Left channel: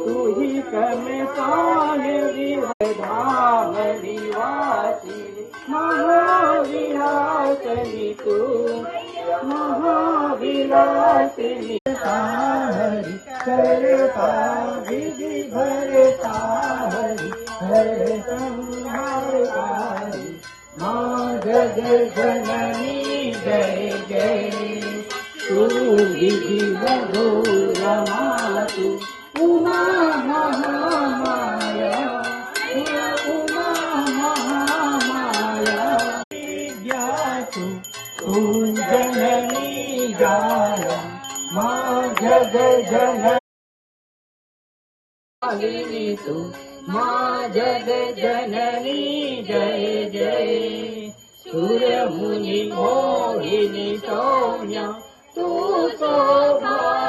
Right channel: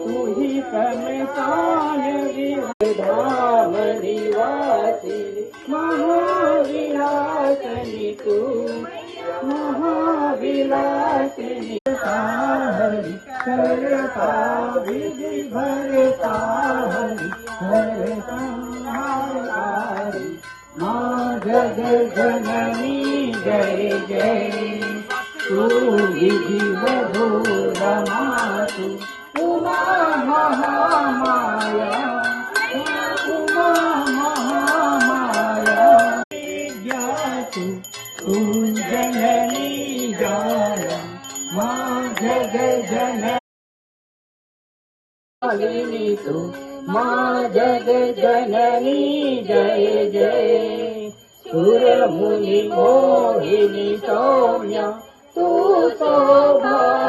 तू ही समतान विधामणि वासी महाविलासनि तू महाविलासनि हरि करता विधि भरता हरि हरि हरि माँ जग जननी जय जय तू विधि रमा तू उमा महामाया उमा महामाया ज्ञातु तू जननी जान माँ जग जननी तू माँ जग जननी जय जय सूर्य मुनि मोहिनी सौम्या तू शोभा